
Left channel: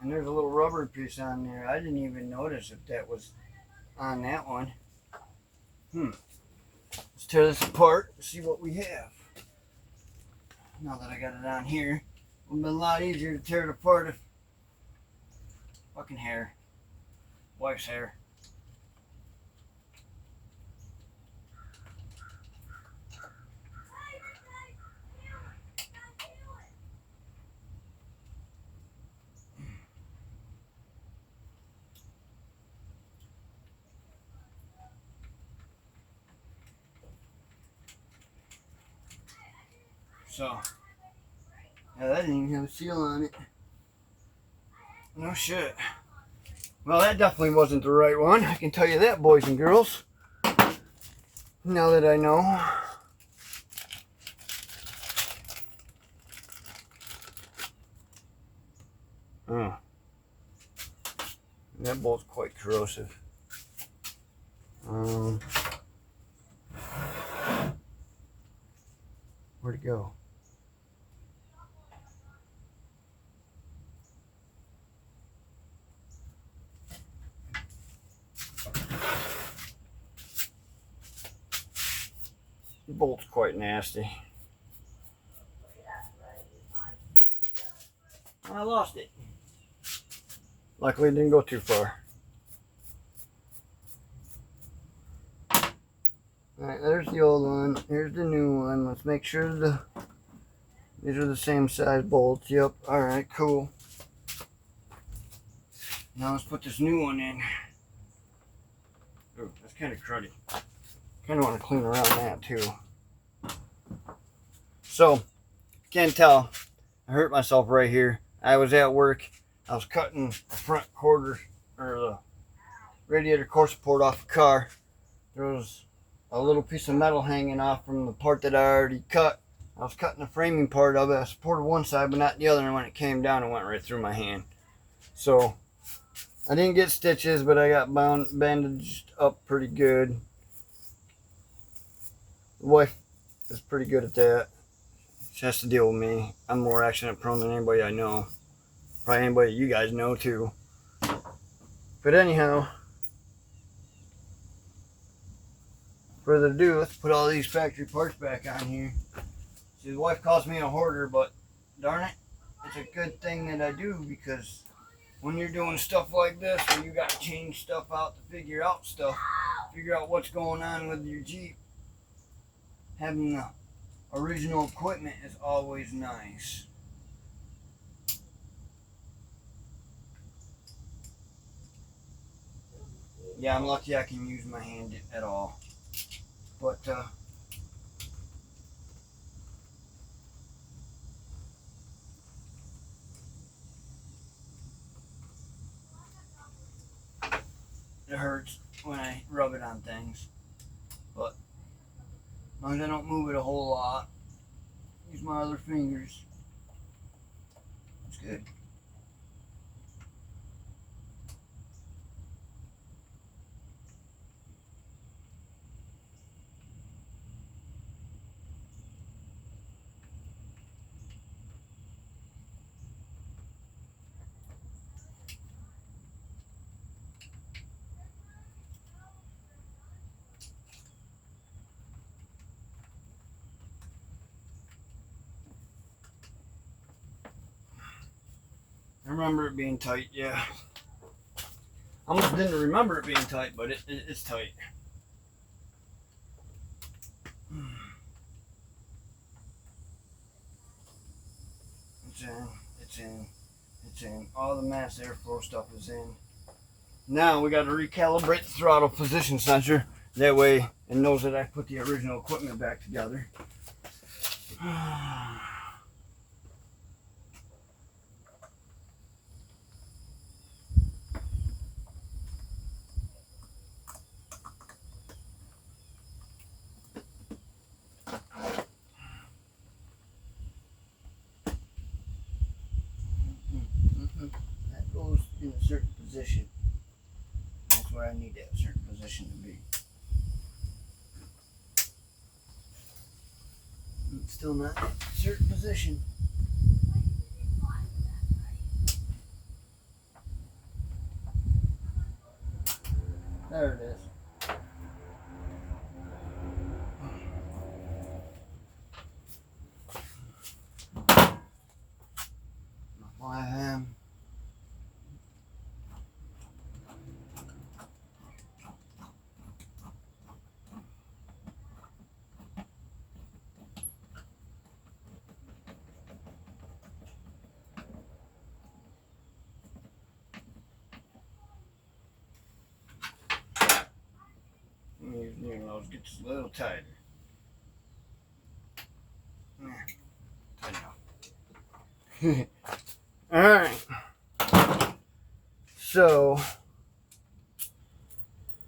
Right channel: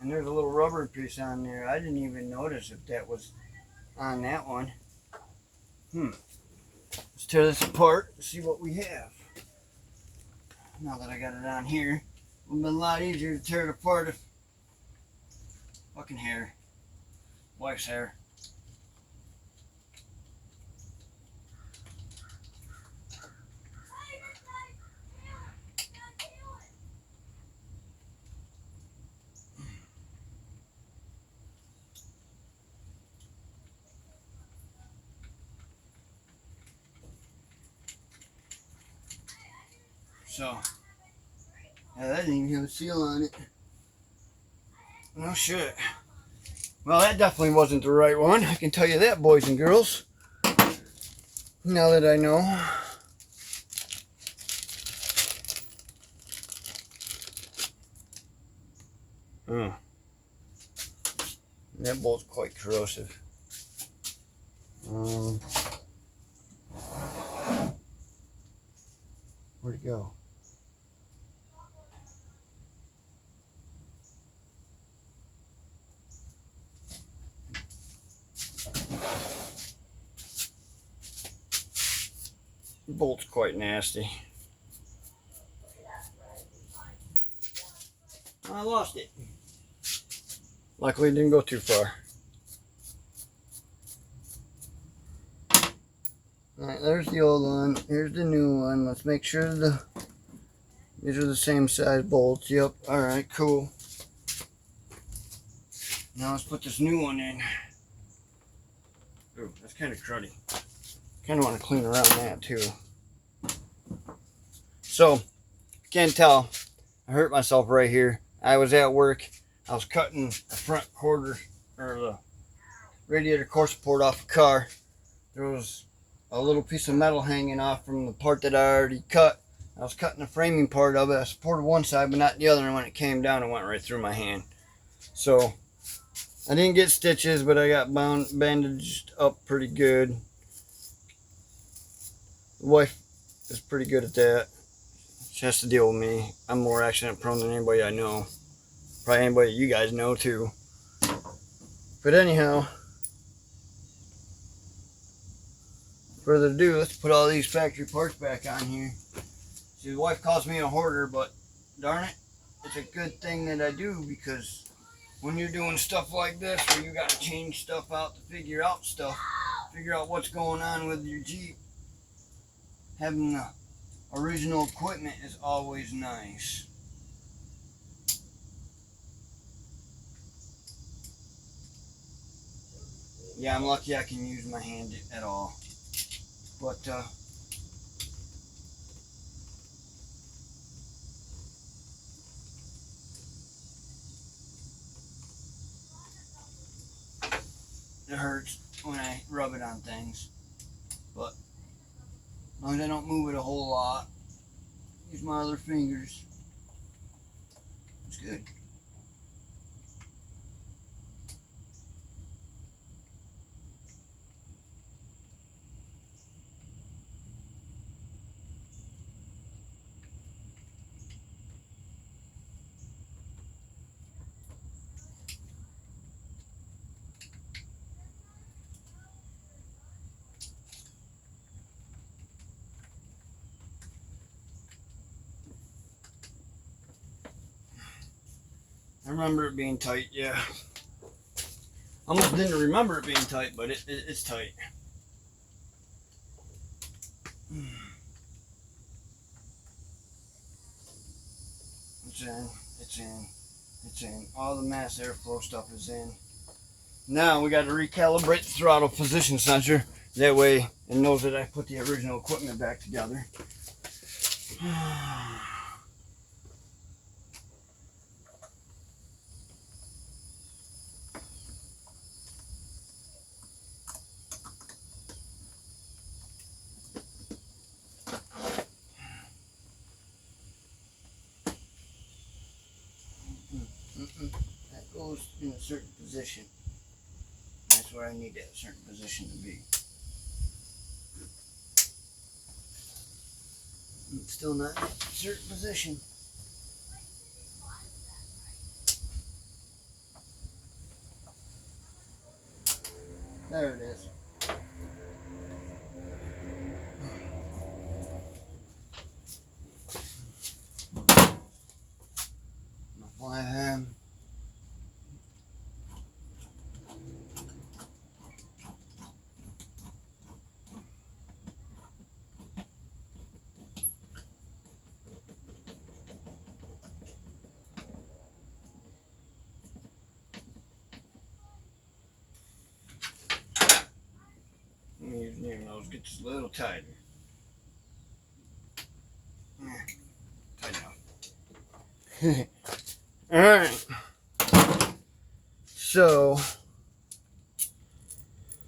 and there's a little rubber piece on there. I didn't even notice if that was on that one. Let's tear this apart and see what we have. Now that I got it on here, it would have been a lot easier to tear it apart if fucking hair. Wife's hair. So, yeah, that didn't even have a seal on it. No shit. Well, that definitely wasn't the right one. I can tell you that, boys and girls. Now that I know. Oh. That bolt's quite corrosive. Where'd it go? The bolt's quite nasty. I lost it. Luckily it didn't go too far. Alright, there's the old one. Here's the new one. Let's make sure these are the same size bolts. Yep. Alright, cool. Now let's put this new one in. Ooh, that's kind of cruddy. Kind of want to clean around that too. So, you can't tell, I hurt myself right here. I was at work. I was cutting the front quarter, or the radiator core support off the car. There was a little piece of metal hanging off from the part that I already cut. I was cutting the framing part of it. I supported one side but not the other, and when it came down it went right through my hand. So I didn't get stitches, but I got bandaged up pretty good. The wife is pretty good at that. She has to deal with me. I'm more accident prone than anybody I know. Probably anybody you guys know too. But anyhow, further ado, let's put all these factory parts back on here. See, the wife calls me a hoarder, but darn it, it's a good thing that I do, because when you're doing stuff like this, where you got to change stuff out to figure out stuff, figure out what's going on with your Jeep, having the original equipment is always nice. Yeah, I'm lucky I can use my hand at all. But, it hurts when I rub it on things. But, as long as I don't move it a whole lot, use my other fingers, it's good. I remember it being tight, yeah. I almost didn't remember it being tight, but it's tight. It's in, it's in, it's in. All the mass airflow stuff is in. Now we got to recalibrate the throttle position sensor. That way it knows that I put the original equipment back together. certain position. That's where I need that certain position to be. It's still not in a certain position. There it is. My hand. Using those gets a little tighter. Tight enough. All right. So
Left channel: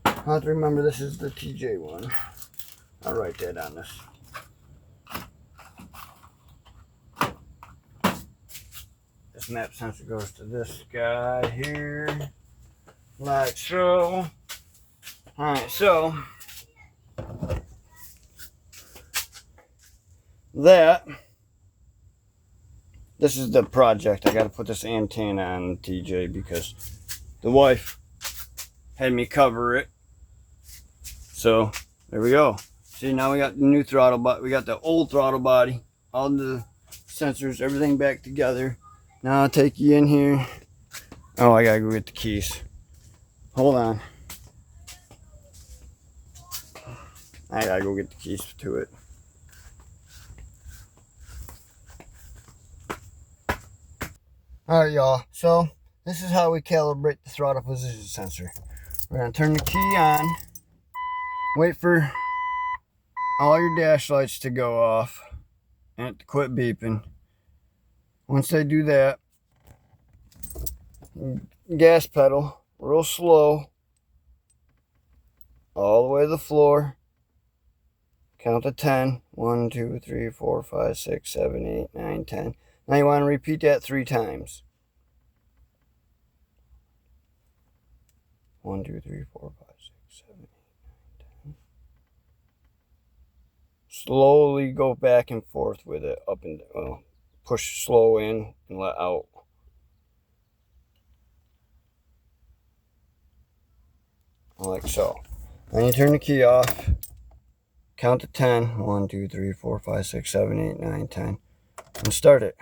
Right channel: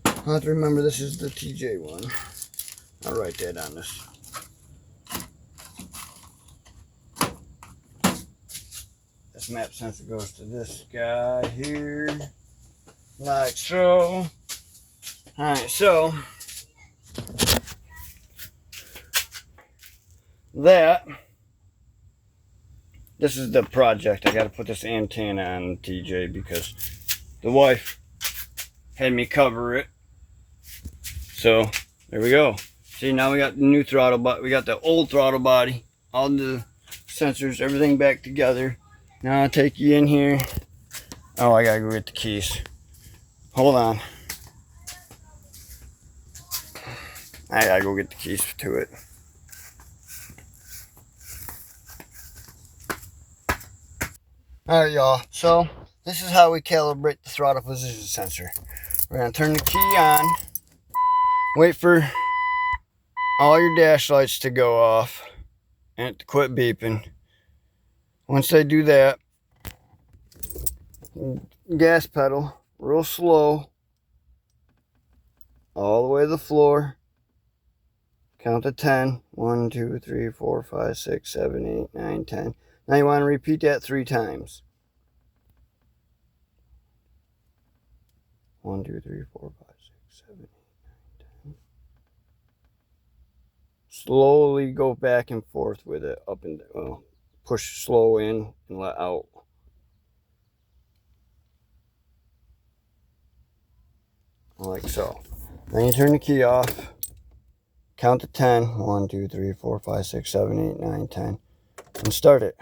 I have to remember this is the TJ one. I'll write that on this. This map sensor goes to this guy here, like so. All right, so this is the project. I got to put this antenna on TJ because the wife had me cover it. So there we go. See, now we got the new throttle body. We got the old throttle body, all the sensors, everything back together. Now I'll take you in here. Oh, I gotta go get the keys. Hold on. I gotta go get the keys to it. Alright, y'all. So this is how we calibrate the throttle position sensor. We're gonna turn the key on. Wait for all your dash lights to go off and to quit beeping. Once they do that, gas pedal real slow all the way to the floor. Count to 10. 1, 2, 3, 4, 5, 6, 7, 8, 9, 10. Now you want to repeat that 3 times. 1, 2, 3, 4, 5, 6, 7, 8, 9, 10. Slowly go back and forth with it. Up and down. Well, push slow in and let out. Like so. Then you turn the key off. Count to 10. 1, 2, 3, 4, 5, 6, 7, 8, 9, 10. And start it.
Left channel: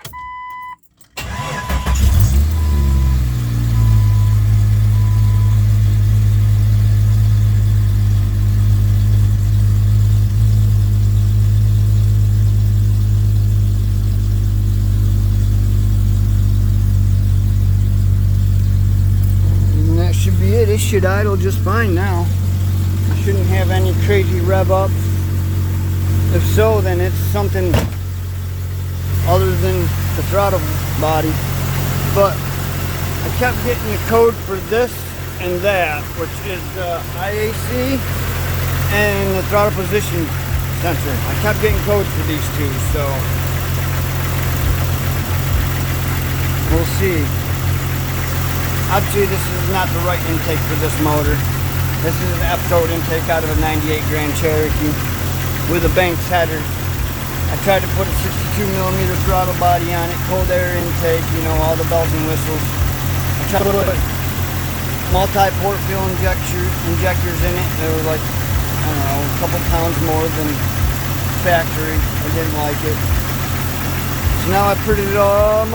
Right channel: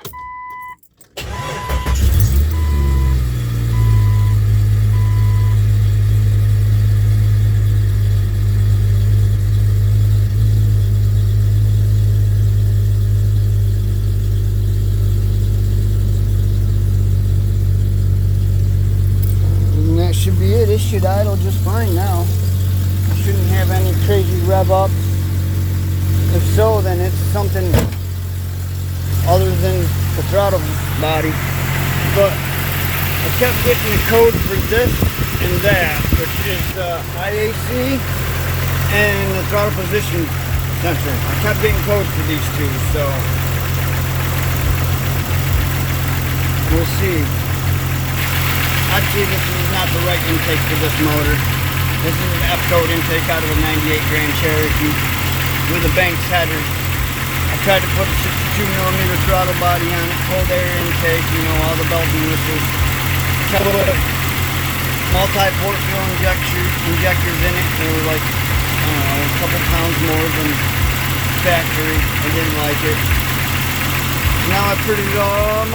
And that should be it. It should idle just fine now. It shouldn't have any crazy rev up. If so, then it's something other than the throttle body. But I kept getting the code for this and that, which is the IAC and the throttle position sensor. I kept getting codes for these two, so we'll see. I'd say this is not the right intake for this motor. This is an F-code intake out of a 98 Grand Cherokee with a Banks header. I tried to put a 62mm throttle body on it, cold air intake, you know, all the bells and whistles. I tried to put multi-port fuel injectors in it. They were like, I don't know, a couple pounds more than factory. I didn't like it. Now I put it all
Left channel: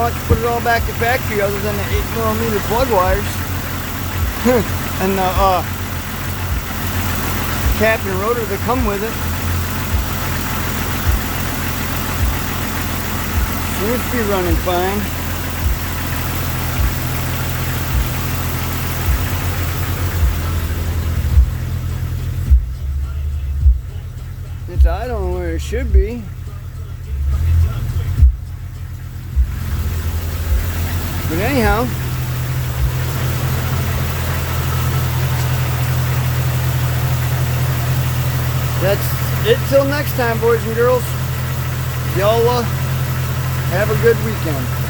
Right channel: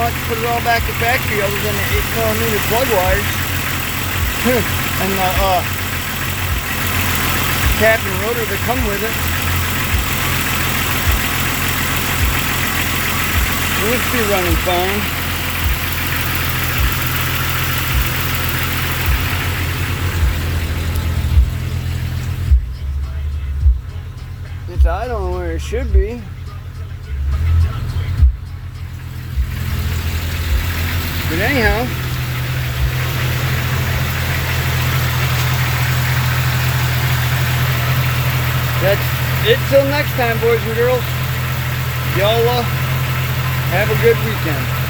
back to factory other than the 8mm plug wires. And the cap and rotor that come with it. It should be running fine. It's idling where it should be. But anyhow, that's it till next time, boys and girls. Y'all have a good weekend.